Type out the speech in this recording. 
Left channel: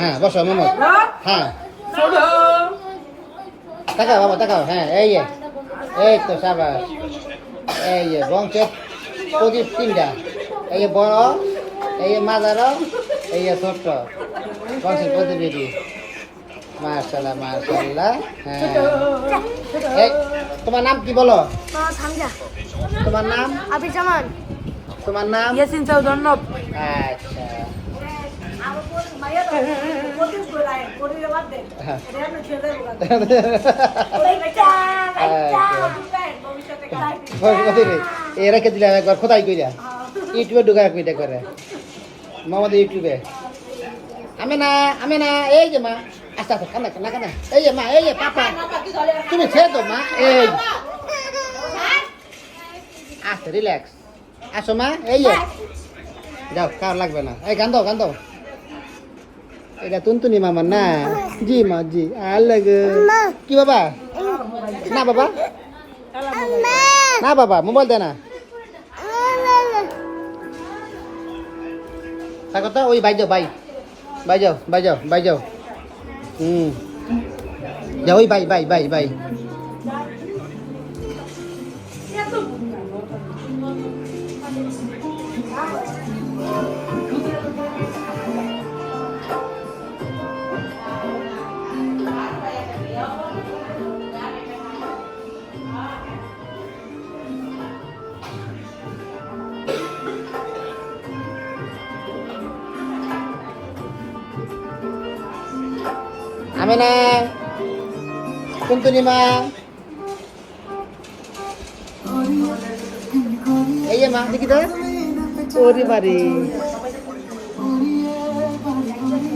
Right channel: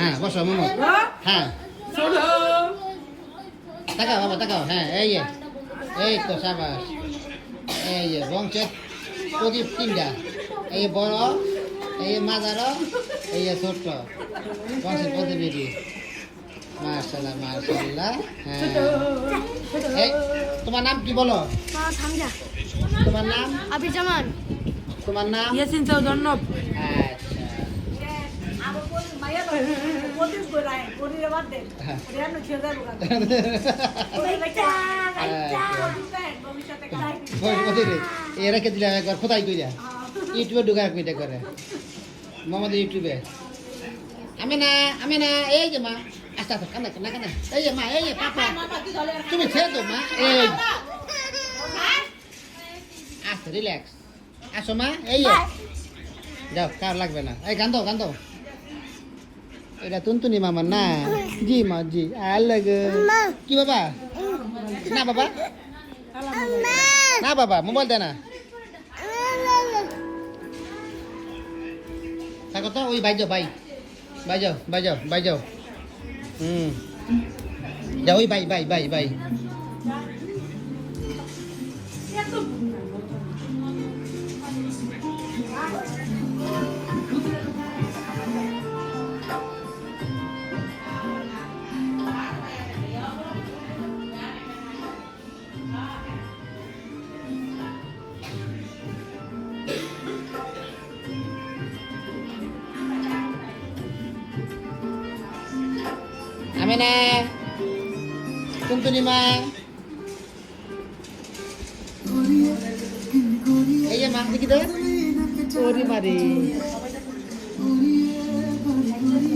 হ্যাঁ বসো মোহাম্মদ হ্যাঁ তাকাও বাবা তাকাও হ্যাঁ এই তো সাবাস এই যে বংশের প্রদীপ তিনটা এই যে বড় এই যে মাঝার এই যে ছোট্ট বংশের প্রদীপ এটি মাশাআল্লাহ মাশাআল্লাহ হ্যাঁ তোমার নাম কি বলো তোমার নাম আবির জামান তোমার নাম ইয়াসিন চৌধর্ণব আচ্ছা এ রেখে দিলাম একবার কোথায় কইরা ইউটিউবে ঢুকায় কইটা করে মামাদের ইউটিউবে আমি না এই যে মা আচ্ছা আচ্ছা কান্না এই যে মা এই যে পাপা তুমি ছেড়ে তো মা এই আচ্ছা রিল্যাক্স আসো মা এই যে যাও কার লাগবে না এই গান দাও এটা তুনতুনি মামার না জি মা জি আর লাগে কি বাবা না বাবা না বাবা মোবাইল দে না থাকো তো ওই বাই যাও যা ওই বাই আমি না তুনতুনি মা এই যে মা দেখি তো ওরে বাড়ি